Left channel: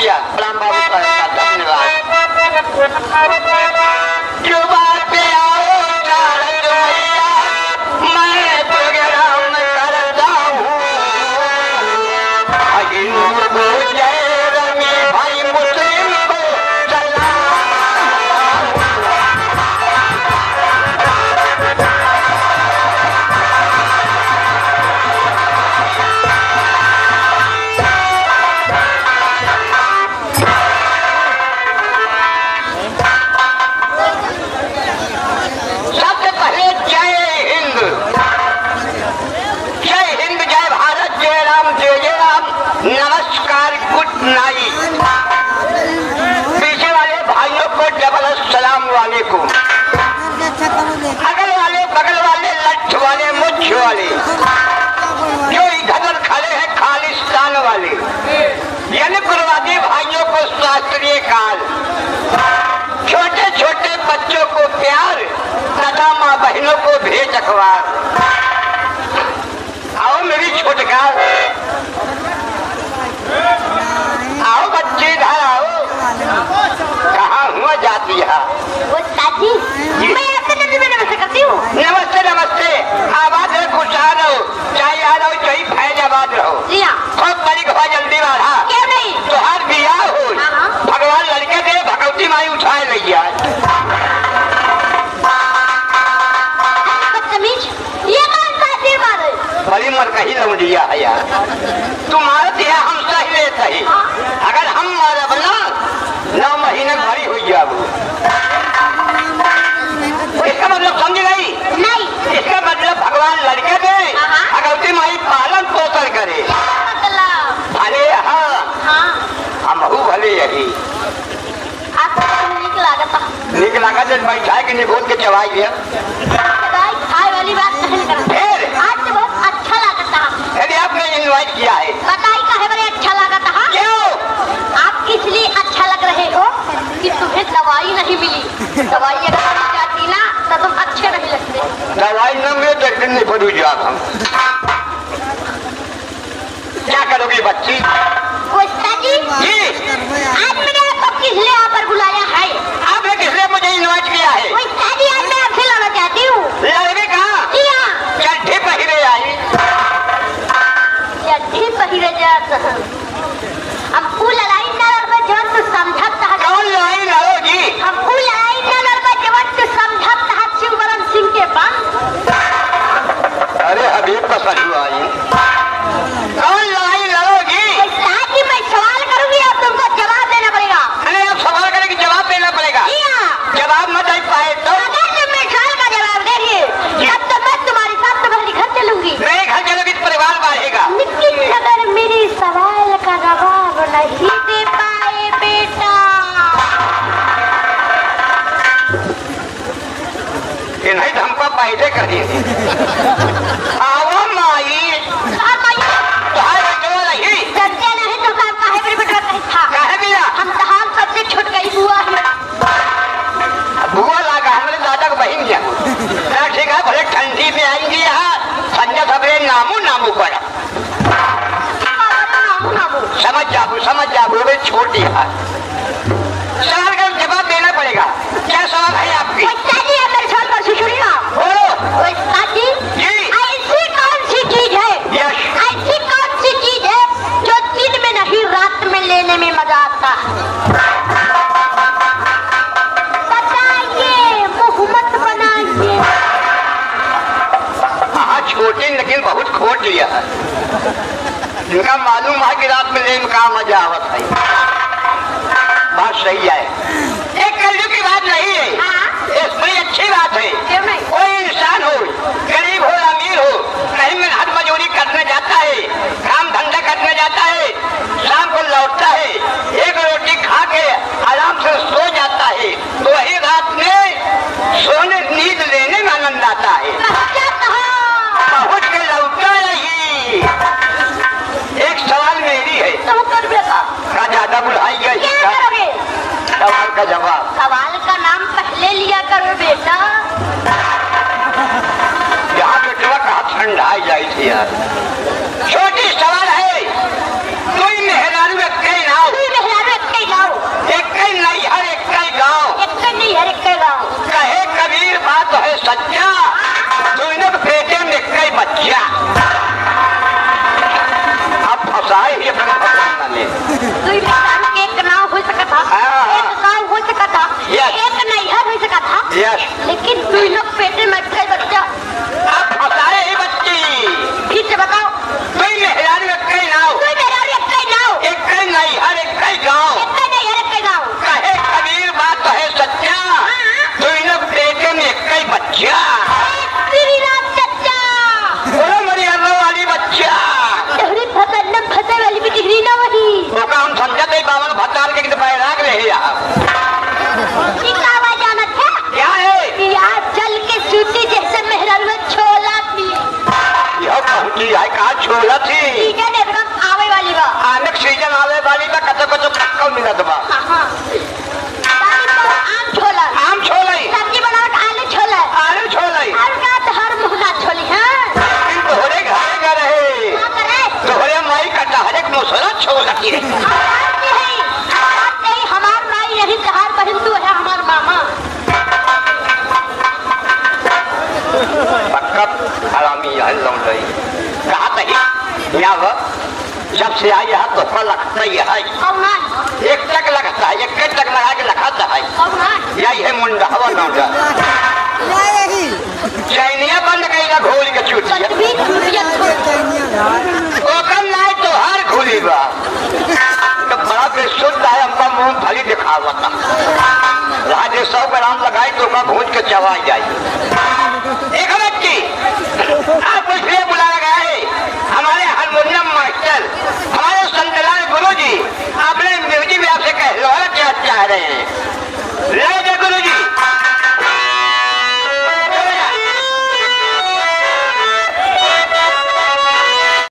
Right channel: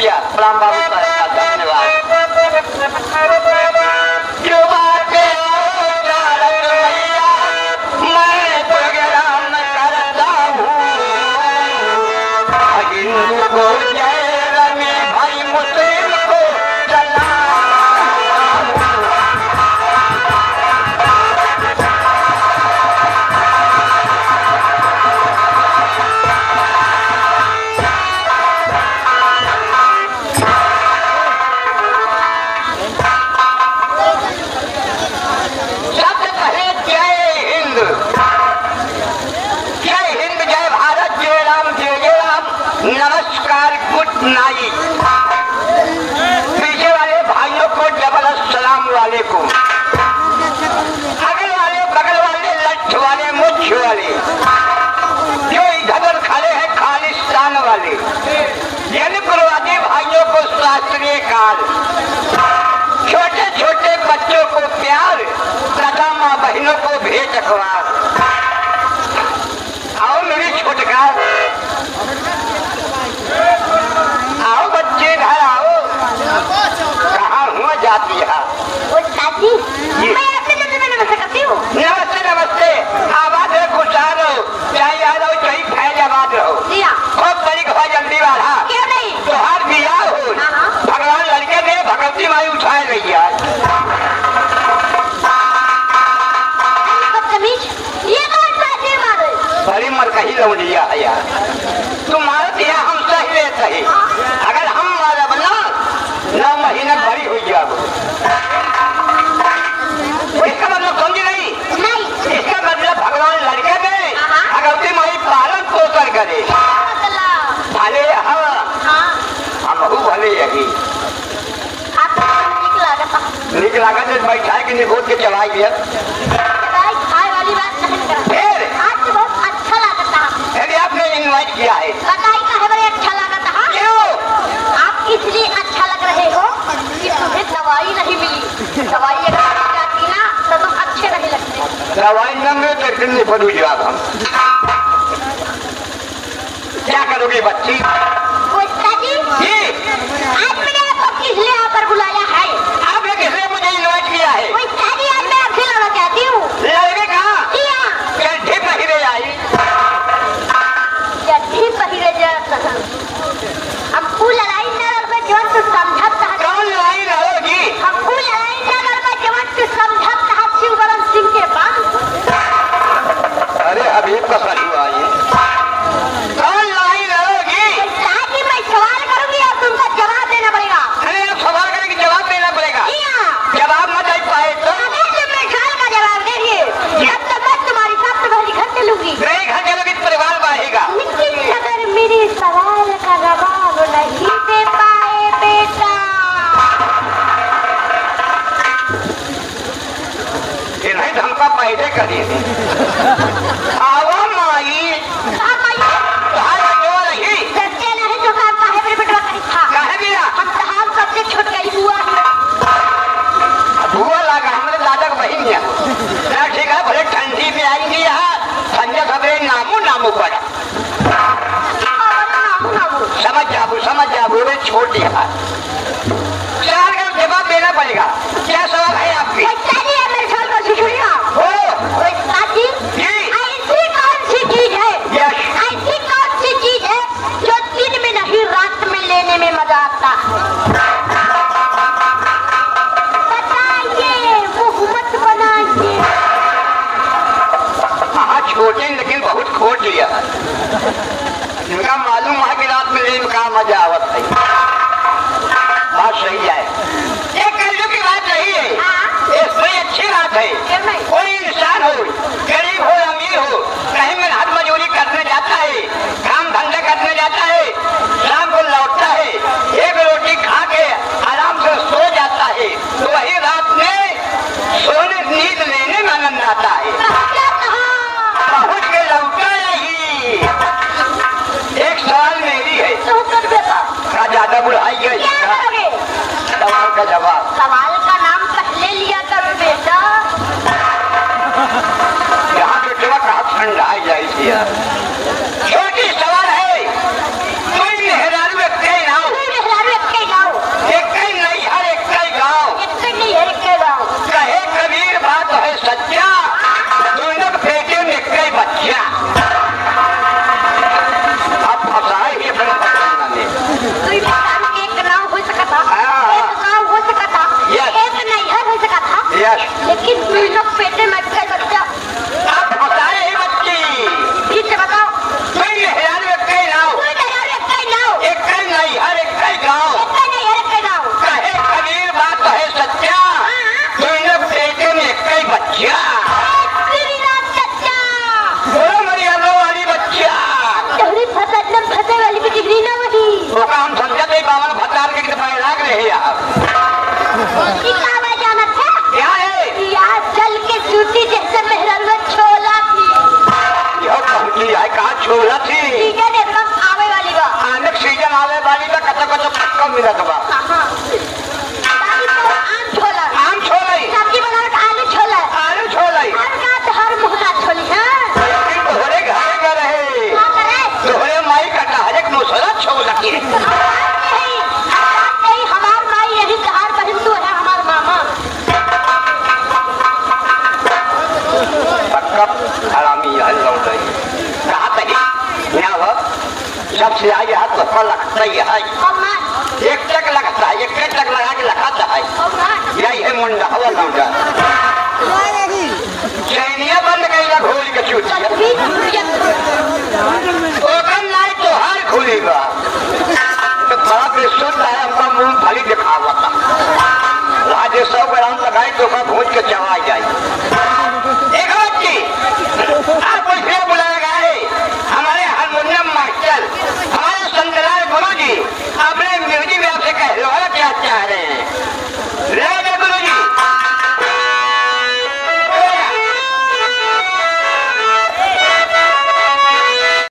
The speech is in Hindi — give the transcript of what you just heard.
रुपया। प्रणाम बाबू साहब, धन्यवाद। क्यों बात पे आओ चारक भैया, मैं प्रोग्राम करता हूँ। हिंदू को जय रमी भाई, मुस्लिम को नमस्कार, गुड नाइट। पीछे वाले भाइयों को डबल अस्सलाम वालेकुम। अगल वाले बगल वाले लठ वाले मुझ वाले जो इधर खड़े हैं खालिस्तान वाले, यानी गुरुवादी भाइयों को शास्त्रीय काल, छोटे छोटे बच्चों को प्यार तथा माँ बहनों को भेज अखबार। आओ मेरी छोटका, आओ बच्चे इधर आओ। कहाँ हुआ जाती है? नमस्ते करती हूँ। नमस्ते नमस्ते, आबाद रहो, खुशहाल रहो, चाहे याद हो चाहे फैजाबाद रहो। खूब बड़ी हो जल्दी वाला। क्यों नहीं? तुहार बिया हो, भगवान लड़के दे, भगवती माई उठाए भैया। बड़ी मर कहीं लो दिया है यार, तुम्हारा दिया हम सह लेते हैं। अगर हम मारा बना 9 महीने भरी हुई जाओ, इसका मतलब समझ नहीं? नहीं, इसका मतलब भगवान लड़के दे, भगवती माई पालन पोषण करे। अरे हाँ, हम भले यही नीक लगा जब बैठा के निगोद के चबाई दिया। आपने इन्वाइट किया है, बताई का है बड़े अच्छा लगा था। क्यों? आप इसलिए अच्छा लग रहे हो कि तुम्हें दवाई नहीं मिली। दवाई अगर जाती ना तो तुम अच्छे नहीं लगते। दवाई न मिले तो एक दिन नहीं पड़ू जवाब। हम क्या करोगे बच्ची? जी, आज मैंने आपको किस लिए यहाँ पर बुलाया है? आपने किसने मुझे इन्वाइट किया है? मैं आपसे लड़ना चाहती हूँ। लड़के कहाँ? गड्ढे पहिरे आई, हमको लड़ाई न लड़ना जब तू समझत कहा। कौन लड़ाई लड़ोगी? हमको लड़ाई न लड़ना जब तू समझत कहा शिववरण सिंह के पास। अरे अभी तो सही आई। कौन लड़ाई लड़ोगी? ताकि मैं सवाल करूंगी और तुमको जवाब देना पड़ेगा। अरे आप सवाल करेंगे जवाब देना पड़ेगा। जवाब मत दे पाए तो मैं सवाल का जवाब दे दिए तब तो मैं तुम्हारी बात तुम्हारी घर चलूंगी। मेरे घर चलोगी तो परिवार बढ़ेगा। लेकिन अगर मेरी सवाल का जवाब नहीं दे पाए बेटा, ये नहीं तो हमका पैदे करिए। आओ माई, करते नहीं तो काम काहे मेरे बेटा नहीं था? काहे बिया? हम कहा सबसे छूट गई बुआ बुआ लगा हमारे दादा का बहन गया। ठीक है, भले ठंडी में आएंगे यहाँ ठंडे सबरे नामू पड़ा। समझ जाबू वे छोटी है। सवाल का जवाब देना पड़ेगा। क्या सवाल है आपकी? मेरे सवाल पर सुनिए। ऐसी कौन सी चीज है, ऐसी कौन सी चीज है जो दिन में नहीं रात में लेने में मजा आता? बताइए, मुहम्मद बनाइए। हाँ छोटी लेकिन बहुत खोट लिया है। इनका मालूम है कि रात में लेने का मजा आवत है। बात सही है, एक कलयुग की बात नहीं है। इसमें अच्छी बात है। कोई इंसान हो, गरीब हो अमीर हो, कहीं में हाथ मजदूरी करने जाता है, काम धंधा करने जाता है, शाम को लौटता है, एक रोटी खा के आराम से सो जाता है, तो वही रात में सोने नींद लेने में आनंद आता है। पहुंच के लौटा नहीं। एक सवाल मेरी है, ज्यादा बुढ़ाई गई। सवाल का जवाब। सवाल का नाम पहले लिया करो बेटा। यहाँ तो जवा कहा ठंडा जाए थी यार। छोटी सवाल है, कोई मेहरान में कहीं ना हो, यस। लेकिन तू लोग पेटे में गए बच्चा। आप बताए ही बच्ची। ठीक से बताओ। तुम मेहरारू एक कई नाव। तू मेहरारू एक कई नाव। एक कई नहीं, हर एक कई गाँव। एक कई नहीं, हर एक कई गाँव। कहे कबीर बात है सच्चा, तुमने पेटे में एक कई बच्चा। तेरी रात चच्चा। बोलो मेरी अल्लाह वाली बच्चा। तोहरी फसल में फसल वाली भी डिग्री ना वही। ओका हम समझे थे बावन भतार के पैदा के रहे यार। इतना आवाज आना था। क्या है? यार चल के सूती जैसे मेहरारू छोला थी। यह पंखी है कहा छोला थी। सीजन एकदम आवे वाली बा। आने सीजन आवे वाली तो कच्चा कच्चा पक्का मिलत बा। आम छोला। आम छोला ही। सब्जी बनावट आलू छोला। आलू छोला ही। और का तो हर मुहना छोली हाँ। तोहरे घर में रहे। क्या करे? तोहरे माई कटा हर एक मुसला छोला की। नहीं हमार माई रही कहार बहन तू है हमार मामा। पक्का हरामी है लौट कहा कही क्या हो सबसे आई हाथ तो फल लगता ही है। कौना? एक टक लगता है, एक टक लगा के लगाता है। कौना? यही है मुंडा हवा मुंडा चैनिया बंद गई ना घोल के चूतिया ओकन नहीं तो हर खुली बा तो बड़ा बेसुध है। हमका मुंह खाली दिखावा था राजे 100 ग्राम लगाई तो मैं भूज के चला जाए। एक बच्ची आप